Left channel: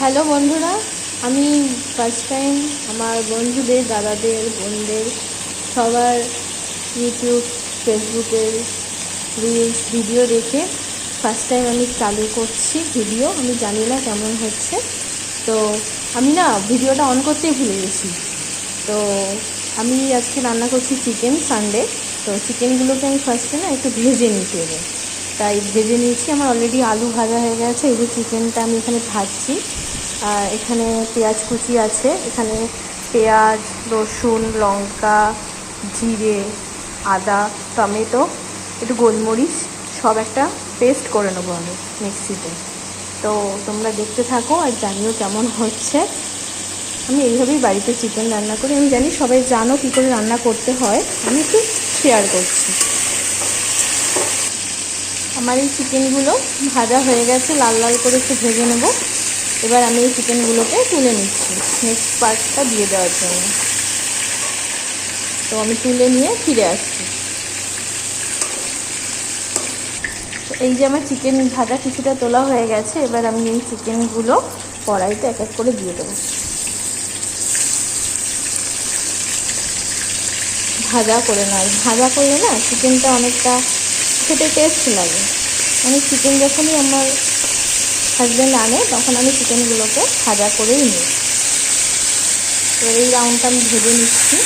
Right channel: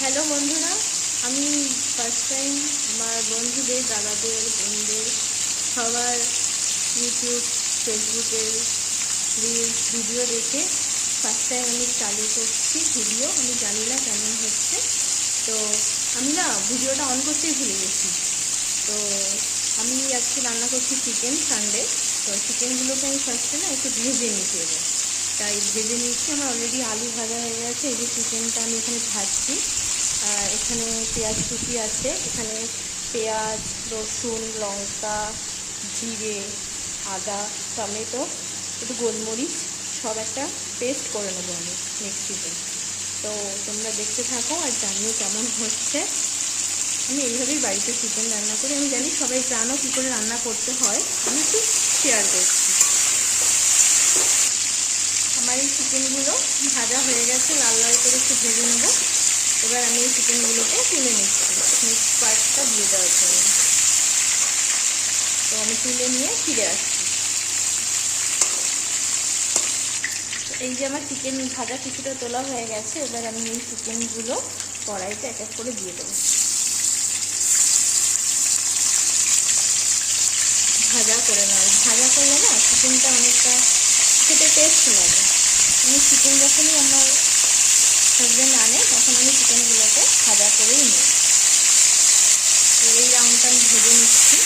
Hello বন্ধুরা, আমি first time আমার বন্ধুদের, দাদাদের, বোনদের সবার ইউটিউব, ফেসবুকের রিলস ভিডিও দেখে ফার্স্ট টাইম আমি চালু করছি ভিডিও। আমি জানি না কেমন হচ্ছে, তো আমি না ভিডিওটা অন করতেই ভুলে গেছি। তো আমি আজকে রান্না করছি চিকেন সানডে। তো চিকেনগুলোকে আমি ফার্স্টে না একটু ভেজে নিতে হবে, তাই ভেজে নিয়েছি। আমার অলরেডি আলু ভাজা হয়ে গেছে। এই যে চিকেনটা আমি এখানে ভাজছি, আর এখানে পেঁয়াজ কুচি আছে। এখানে পেঁয়াজ, রসুন, লঙ্কা, জিরে, আদা, টমেটো, একটু গোলমরিচ সব একটা পেস্ট করে নেবো আমি মিক্সিতে। তো তোমরা দেখতে থাকো আর জানিও কেমন হচ্ছে। আমি এইভাবেই বাড়িতে চিকেন রান্না করি। আমি জানি সবাই জানো কী করে রান্না করতে হয়, আমি একটু শেয়ার করছি। আমার এই চিকেনগুলো ভাজা হয়ে গেছে, লাল লাল করে একটু ভেজে নেব। এবার আমি এই চিকেনগুলোকে তুলে নিচ্ছি নেক্সট পার্টটা দিয়ে দেওয়ার জন্য। তো আমি তুলে নিয়ে ফিরে আসছি। এই যে আমার চিকেন ভাজা কিছুটা তোলা হয়ে গেছে। এবার আমি এই চিকেনগুলো কড়াইতে এক এক করে দিয়ে দেবো। ভাজা করে নয়, ভাজা করলে না চিকেনটা অনেকটা খেতে টেস্ট লাগে। আমি চিকেন যখনই আমার হাজব্যান্ড আনে তখন আমি চিকেনগুলোকে ভাজা করেই নিই। তো এই রাউন্ডটা আমি ভেজে নিচ্ছি।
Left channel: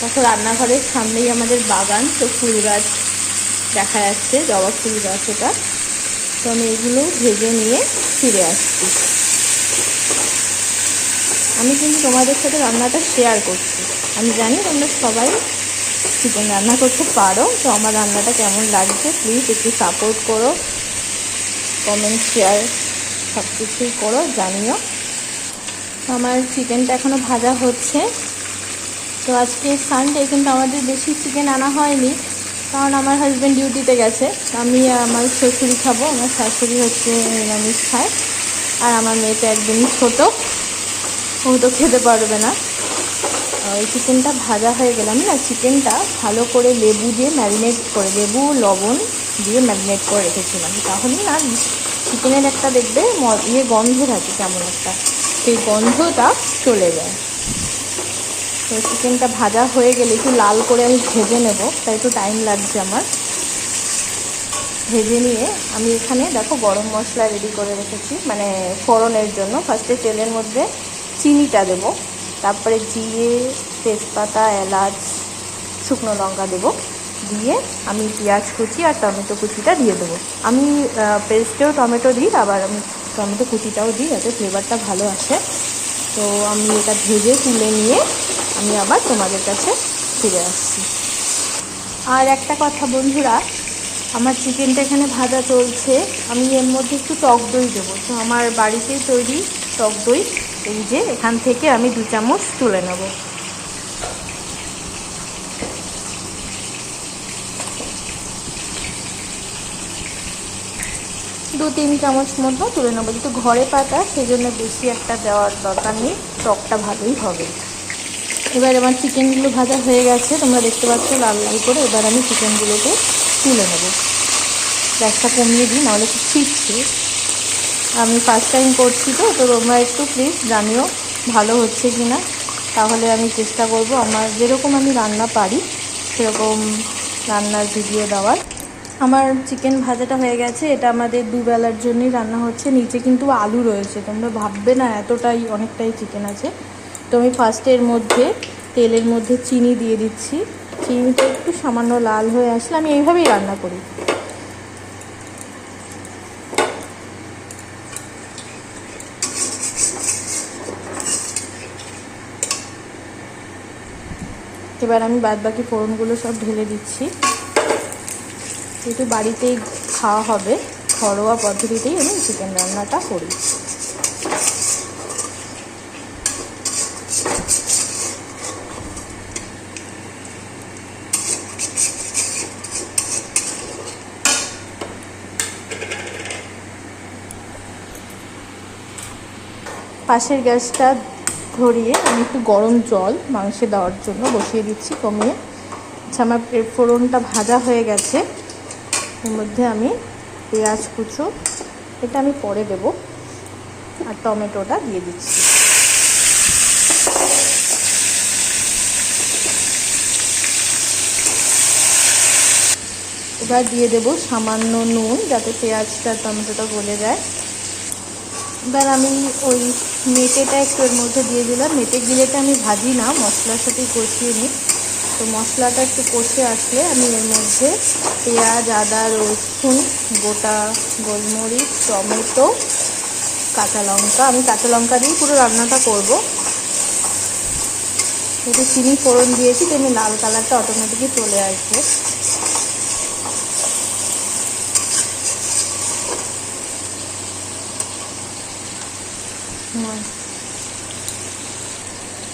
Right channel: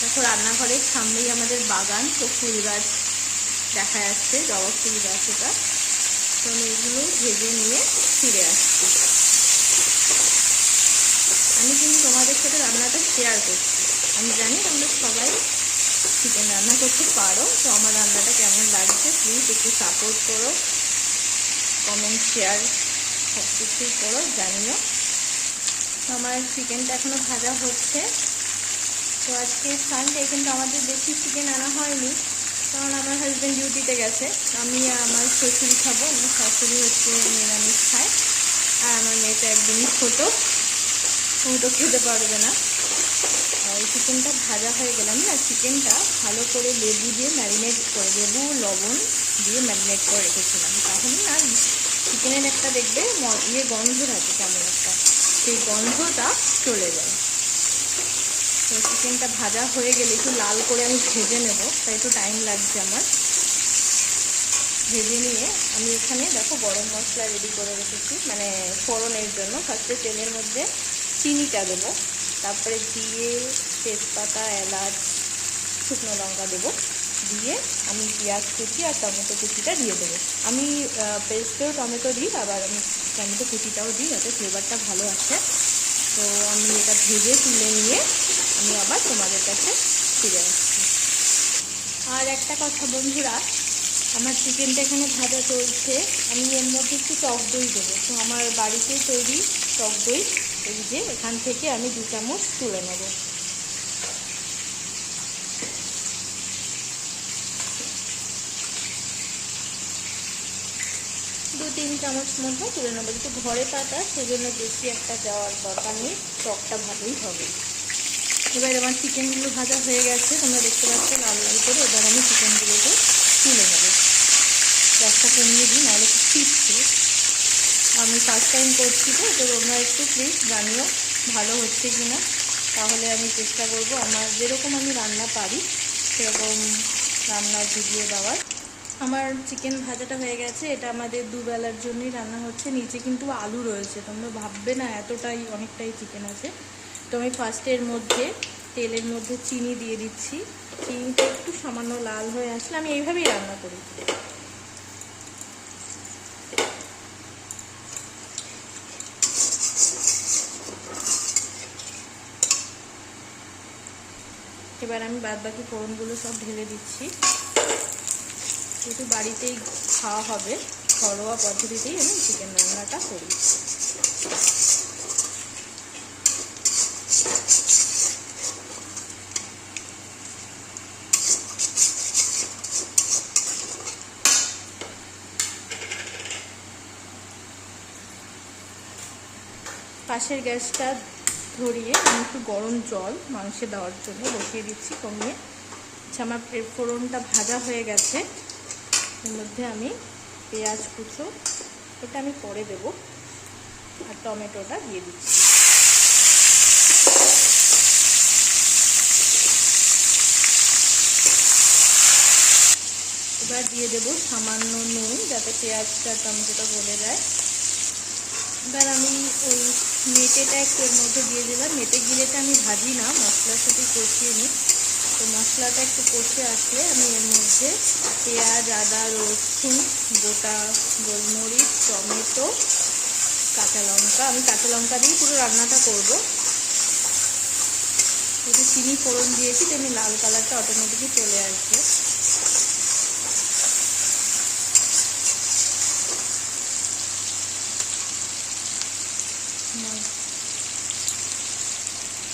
দেখো, রান্নাঘরের সামনেই আমাদের বাগান, তো ফুল গাছ দেখা যাচ্ছে, জবা ফুল গাছ এটা। তো আমি এগুলো ভেজে নিয়ে ফিরে আসছি। আমি কিন্তু তোমাদের সাথে রান্নাটা শেয়ার করছি। আমি জানি তোমরা সবাই চিকেন রান্না করতে পারো। তো আমার রান্নাটা কেমন লাগছে প্লিজ একটু সাপোর্ট করো, কমেন্ট, শেয়ার সব কিছুই করো, জানিও। আমার চিকেনটা এখনও ভাজা হচ্ছে। তো আজকে সানডে, কিন্তু আমাদের বেশি চিকেন আনা হয়নি, কারণ আমার হাজব্যান্ড ডিউটিতে গেছে। আমি আমার শ্বশুরি খাবো, আমার শাশুড়ি হচ্ছে নিরামিষ খায়, আর আমার মেয়েটা একদমই ছোটো, ও তো খেতে পারবে না। ওই চিকেনটা ভাজা হয়ে গেলে আমি না চিকেনটা ভালো করে লেবু দিয়ে ম্যারিনেট করে, লেবু লবণ দিয়ে ম্যারিনেট করে রেখেছিলাম। তাহলে না চিকেনের একটা দেখবে গন্ধ থাকে কেমন একটা, সেই গন্ধটা চলে যায়। তো চিকেনটা ভাজা হয়ে গেলে একটু লাল করে আমি ভেজে নেব, তাই একটু টাইম লাগছে আমার। ভেজে নিয়ে আমি এখানে দেখো গরম মশলা রেডি করে রেখেছি, মানে ফোড়নের জন্য। ফার্স্টে তেলের মধ্যে চিনিটা দেবো, তারপরে জিরে, তেজপাতা, এলাচ, শুকনো লঙ্কা দেবো। দিয়ে আমি পেঁয়াজ কুচি আর টমেটো কুচিটা দিয়ে দেবো। আমি পেস্টেও টমেটো দিই, আবার আমি টমেটো কুচিটাও দিই, যাতে ফ্লেভারটা ভালো আসে। তো আমি এটা ভেজে তুলে নিয়ে আমি আবার তোমাদের কাছে ফিরে আসছি। আর একটা কথা বন্ধুরা, আমার চিকেনটা এখানে ভাজা চলছে, আমি এর মধ্যে একটু টক দই দেবো। তো আমার বাড়িতেই তৈরি টক দই, এই যে এখান থেকে আমি 2 চামচ তুলে নেব। দু 3 চামচ মতো তুলে নেবো, যেহেতু ঘরে পাতা সেই জন্য বেশি একটা দেওয়ার দরকার নেই, টকটা ভালোই হবে। এবার আমার চিকেনগুলো ভাজা হয়ে গেছে, তোমরা দেখতে পাচ্ছ লাল লাল করে। এবার আমি চিকেনগুলোকে তুলে নেব। গ্যাসটা কমিয়ে দিই, নাহলে একটু ছিটছে। আমি ফার্স্ট টাইম করছি, তো তোমরা একটু প্লিজ জানিও ভালো হচ্ছে কি না। তাহলে আমি চেষ্টা করব আমার যেরকম আমি রান্না পারি সেরকম রান্নার ভিডিও দেওয়ার। আমার চিকেন ভাজাটা হয়ে গেছে। এটা আমাদের দুবেলার জন্যই রান্না হচ্ছে। নিচে কিন্তু আলু রয়েছে, তোমরা ভাববে না এতটাই, অনেকটাই চিকেন আছে। তো আমি ফার্স্টে এর মধ্যে তেলের মধ্যে চিনি দিয়ে দিচ্ছি। চিনিটা একটু সামান্য লাল হয়ে আসলে আমি এইভাবেই রান্না করি। এবার আমি বাদবাকি ফোড়নগুলো সব ঢেলে দিচ্ছি। যেহেতু বাড়িতেই খাওয়া হবে, ঘরোয়া পদ্ধতিতেই আমি চিকেন রান্নাটা করি। পাশের গ্যাসটা ধরিয়ে আমি একটু গরম জল মাংসে দেওয়ার জন্য বসিয়ে দিচ্ছি কমিয়ে। আচ্ছা, আমার ফোড়নটা ভাজা হয়ে গেছে। এর মধ্যে আমি পেঁয়াজ কুচো, এটা আমি পরে দেব, আর টমেটোটা দিয়ে দিচ্ছি। এবার দিয়ে দেব সামান্য নুন, যাতে পেঁয়াজটা টমেটোটা গলে যায়। এবার আমি ওই মেটেটা একটু এর মধ্যে দিয়ে দিলাম। মেটে গিলেটা আমি ভাজি না, মশলার সাথে কষিয়ে নিই। তো মশলাটা একটু কষে আসলে আমি এর মধ্যে পেঁয়াজ, আদা, রসুন, গোটা গোলমরিচ, টমেটো, কাঁচা লঙ্কা, আমি কাঁচা লঙ্কা দিয়েই পুরো রান্নাটা করব। একটু চিনি ফোড়ন দিয়েছি, তেমনি লাল কালারটা অটোমেটিকই চলে আসবে।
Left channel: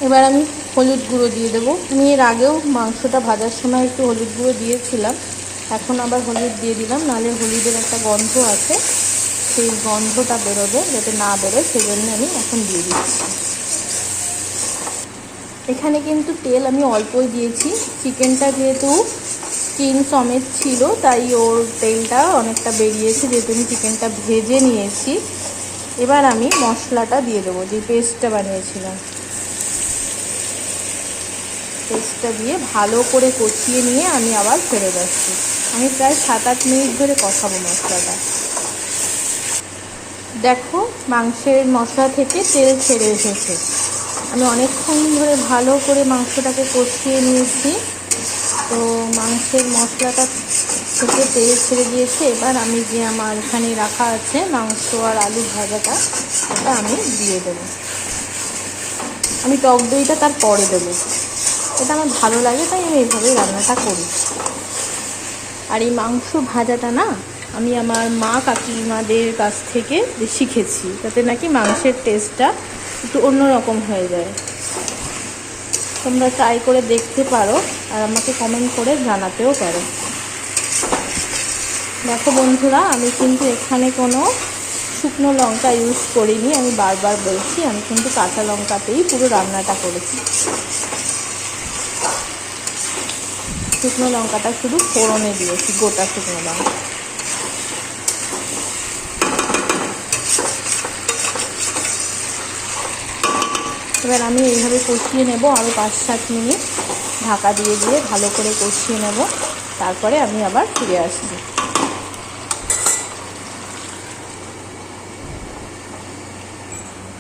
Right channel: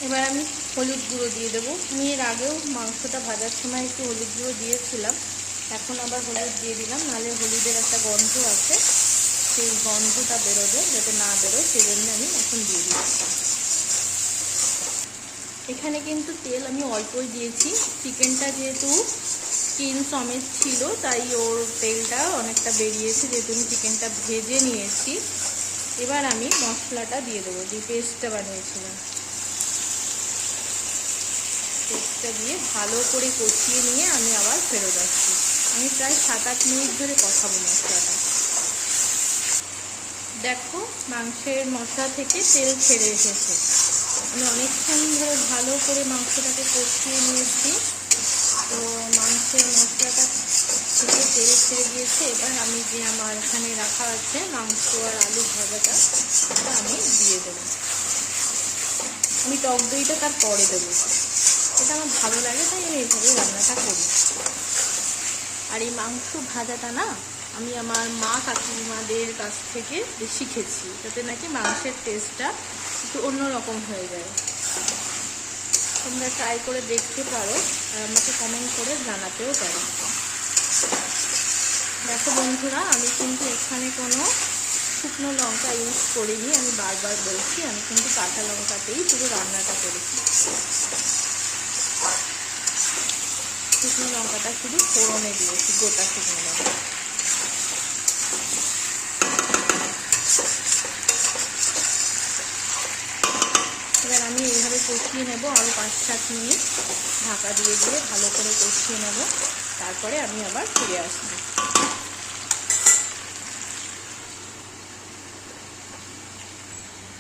এবার আমি হলুদ গুঁড়ো দিয়ে দেবো। আমি এর আগেও মাংসটা ভাজার সময় একটু হলুদ গুঁড়ো দিয়েছিলাম, এখন আবার হলুদ দিয়ে দিলাম, নাহলে হলুদের একটা গন্ধ আছে, সেই গন্ধটা বেরোবে, যাতে না বেরোয় সেই জন্য আমি এখন দিয়ে দিচ্ছি। এখানে কিন্তু তেল আমি অল্পই দিয়েছি, চিকেনটা যেহেতু স্কিন সমেত ছিল তাই ওর তেলটা অনেকটা বেরিয়েছে, যেহেতু আমি চিকেনটা ভেজে নিয়েছি। এবার আমি মশলাটা দিয়ে দেবো, যে পেস্টটা বানিয়েছিলাম, পেস্টটা দিয়ে ভালো করে কষিয়ে নিয়ে আমি আবার ফেরত আসছি। আমি প্রায় 7-8 মিনিট ধরে কষাবো মশলাটা। দেখো, মাংসের মশলা থেকে তেল ছেড়ে এসেছে। আমি অনেকক্ষণ ধরে ভালো করে মাংসটাকে কষিয়ে নিয়েছি, তো মাংসের মশলাটা থেকে তেল ছেড়ে দিয়েছে। এবার আমি যে আমার এখানে রাখা আছে মাংস আর আলু ভাজাটা, ওটা আমি দিয়ে দেবো। আমি টক দইটা তার পরে দেবো, এটা আমার ভালো লাগে তাই আমি এইভাবেই রান্নাটা করি। আর এই মাংস ভাজাটা না আমি আমার মা কাকিমাদের কাছ থেকে শিখেছি, যাতে নাকি মাংসের টেস্টটা একটু অন্যরকম হয়ে যায়। তোমরা ট্রাই করে দেখতে পারো আর আমাকে কমেন্ট করে জানাতেও পারো। দেখো বন্ধুরা, আমি কিন্তু এখানে কোনো শুকনো লঙ্কা ইউজ করিনি, আমি বারবার বলছি, আমি কিন্তু কাঁচা লঙ্কাতেই পুরো রান্নাটা করেছি। শুকনো লঙ্কাটা শুধু ফোড়নে দিয়েছি, গোটা শুকনো লঙ্কা। এবার আমি এইভাবে কষিয়ে নেব আরও 5-7 মিনিট, ঢাকা দিয়ে দিয়ে ভালো করে কষিয়ে নেব, তারপরে আমি আবার ফিরে আসব।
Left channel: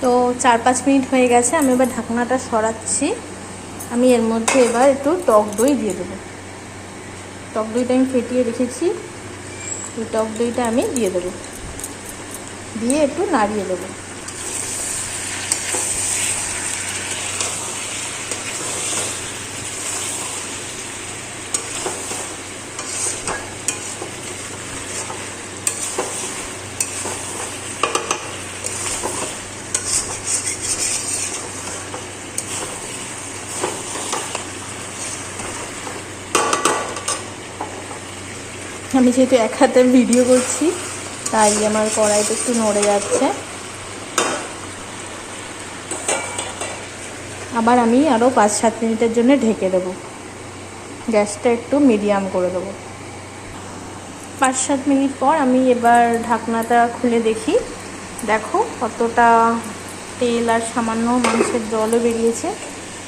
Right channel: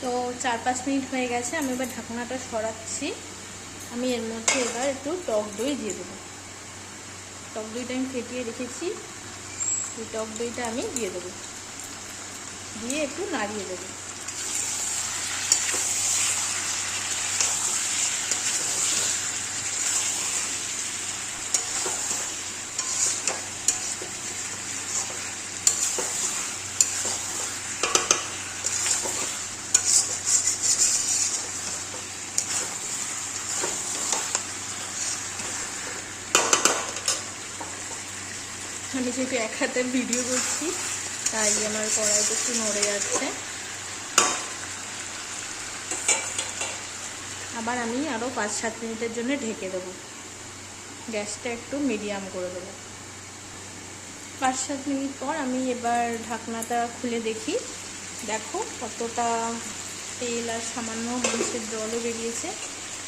তো 4-5 মিনিট হয়ে গেছে, আমি এবার ঢাকনাটা সরাচ্ছি। আমি এর মধ্যে এবার একটু টক দই দিয়ে দেবো। টক দইটা আমি ফেটিয়ে রেখেছি, এই টক দইটা আমি দিয়ে দেবো, দিয়ে একটু নাড়িয়ে দেবো। আমি যেহেতু এক হাতে ভিডিও করছি তাই আমার কড়াইটা একটু নড়ে যাচ্ছে। আবার আমি আরও 5-7 মিনিটের জন্য ঢেকে দেবো, গ্যাসটা একটু মিডিয়াম করে দেবো। 5-7 মিনিট পর আমি এবার ঢাকনাটা খুলে দেখি। দেখো কতটা তেল আর সামান্য মাংসের জলও বেরিয়েছে।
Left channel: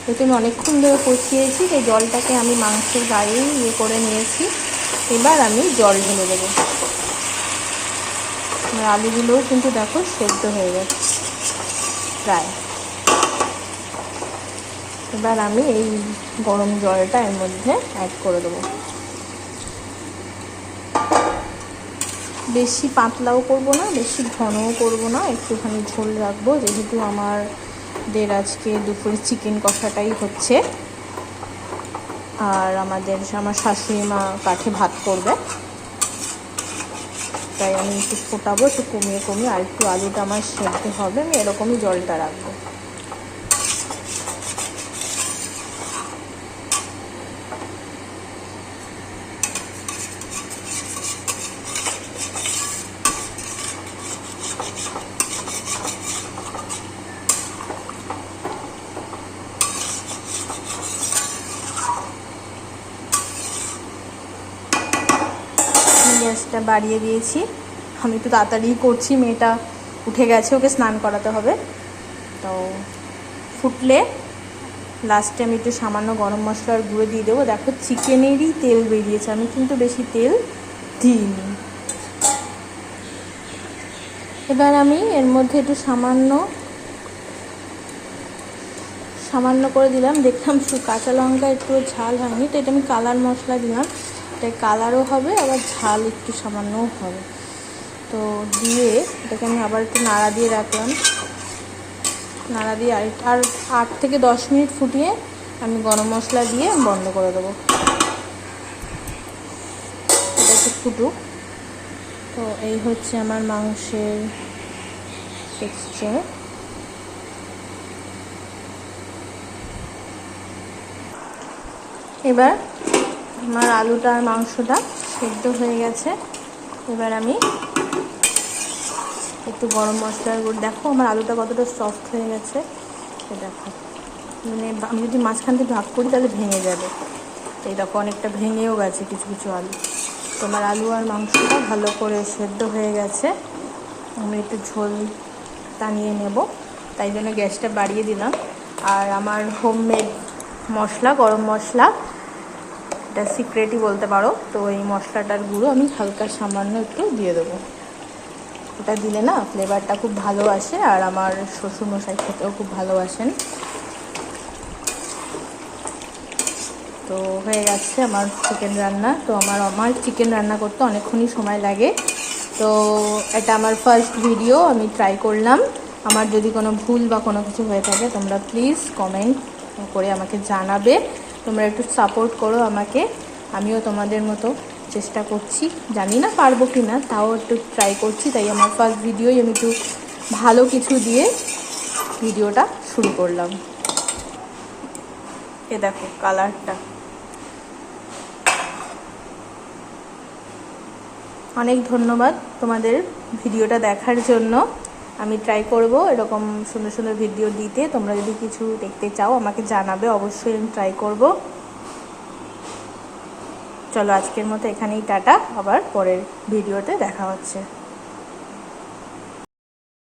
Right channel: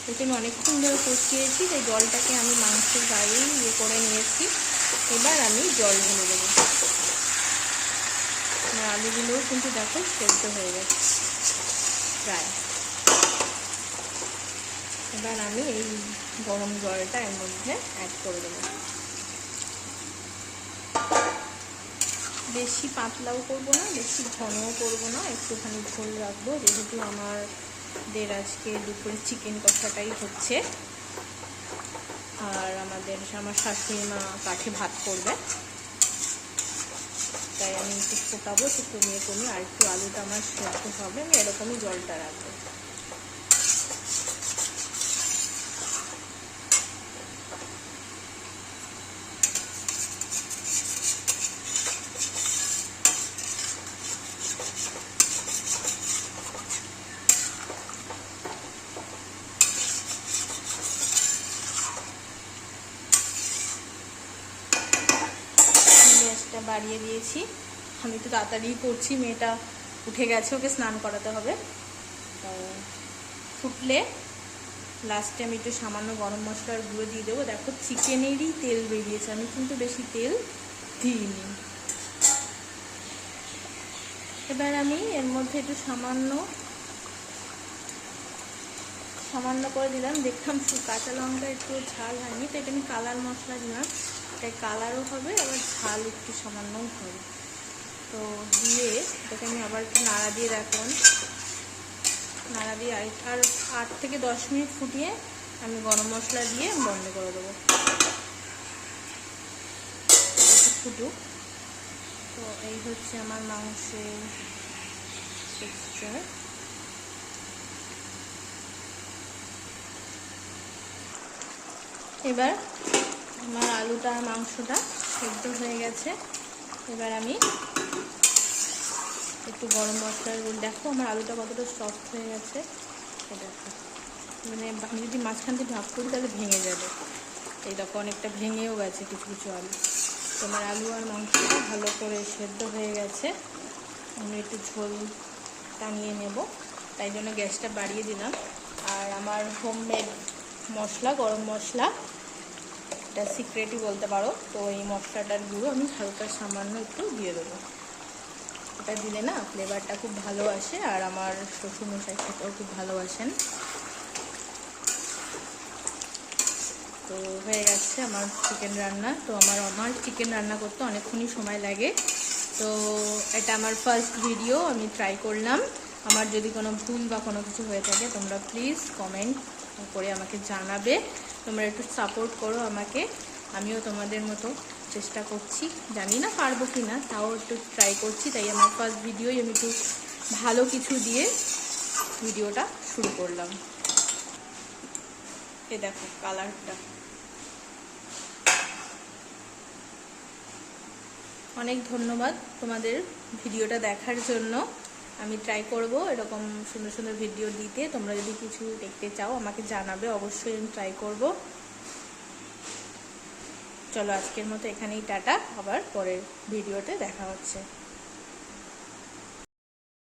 যেহেতু আমি অনেকক্ষণ ধরে কষিয়েছি, সেই জলটাকে আমি মাংসের গায়ে করে নিয়েছি। এবার আমি জল ঢেলে দেবো। আমার আলুগুলোও কিন্তু দেখো সেদ্ধ হয়ে গেছে প্রায়। এবার আমি এই গরম জলটা এর মধ্যে অ্যাড করে দেবো। বেশি পাতলাও করব না, বেশি ঘনও করব না, একটুখানি ঝোল রাখবো, যেহেতু আমাদের আজকে দুপুরে চিকেন কষাটাই হচ্ছে। আর আমার শাশুড়ি মা কাঠে ভাত করবে, তাই আমি একটু ফোটাবো, একটু কমিয়ে কমিয়ে, আর একটু আলুটা আমার সেদ্ধ হবে, আমি এরকমই জলটা রাখবো। গ্যাসটা বাড়িয়ে দিয়েছি। আমি একটু তাড়াতাড়ি করছি, মেয়েটা উঠে গেছে, ওকে স্নান করাতে হবে। তো ফুটলে লাস্টে আমি একটু সামান্য গরম মশলার গুঁড়ো দিয়ে দেবো। দেখো চিকেনেরই তেল বেরিয়েছে, আমি কিন্তু বেশি তেল দিইনি। এবার আমি এর মধ্যে একটু সামান্য করে দিলাম, দেখলাম শুধু কাঁচা লঙ্কা একটু ঝাল হয়নি, তো এটা আমি কালার মশলা দিলাম, তাই কালারও হবে আবার ঝাল একটু সামান্যও হবে। তো দিয়ে এটাকে আমি আবার একটু নাড়া দিয়ে রাখলাম, নাড়া দিয়ে আর 8 থেকে 10 মিনিট ফুটিয়ে আমি গরম মশলা দিয়ে বন্ধ করে দেবো। এটা একটু ফুটুক। তো এই হচ্ছে আমার মাংসের টেক্সচার। এবার আমার আলুটা আর মাংসটা সেদ্ধ হয়ে গেছে। এবার আমি একটু গরম মশলার গুঁড়ো, দেখো আমার আলুটা কতটা সফট হয়ে গেছে, দেখো মানে আমি যদি মাঝখান থেকে ভাগ করি তাহলে ভেঙে যাবে। এই দেখো অনেকটা ভেঙেও গেছে কিছু কিছু আলু। তোমার আলু আর মাংসটা ভালো করে সেদ্ধ হয়ে গেছে। আমি একটু ঝোল টানিয়ে নেব, তাই জন্য গ্যাসটা বাড়িয়ে দিলাম। আর আমার হোমমেড মশলা, গরম মশলা, এটা সিক্রেটই বলতে পারো। তো এই মশলাটার গুঁড়ো আমি হালকা সামান্য একটু দিয়ে দেবো। এটা দিলে না ফ্লেভারটা খুব ভালো আসে, আর আমার শ্বশুরমশাই খেতেও খুব ভালোবাসেন। তো হয়ে গেছে আমার চিকেন রান্না। তো আমার চিকেন রান্না করতে অনেকক্ষণই সময় লাগে। তো এটা আমার ফার্স্ট ভিডিও, আমি ট্রাই করলাম। আমার যদি কোনো ভুল বা কোনো কিছু হয়ে থাকে তোমরা প্লিজ কমেন্ট করে আমাকে জানাবে। তোমরা একটু সাপোর্ট করো আমাকে, আমিও তোমাদের মতো চেষ্টা করছি, জানি না পারবো কি না, তাও একটু ট্রাই করছি। তাই আমার ফার্স্ট ভিডিওই আমি একটু ভালো কিছু দিয়ে ভিডিওটা শুরু করলাম। এ দেখো কালারটা। অনেক ধন্যবাদ তোমাদের ভিডিওটা দেখার জন্য। আমি ট্রাই করব এরকম সুন্দর সুন্দর ভিডিও দিতে। তোমরা যদি কিছু দেখতে চাও আমাকে জানাবে, অবশ্যই আমি ট্রাই করব। চলো আজকের মতো এখানেই টাটা, আবার পরের ভিডিওতে দেখা হচ্ছে।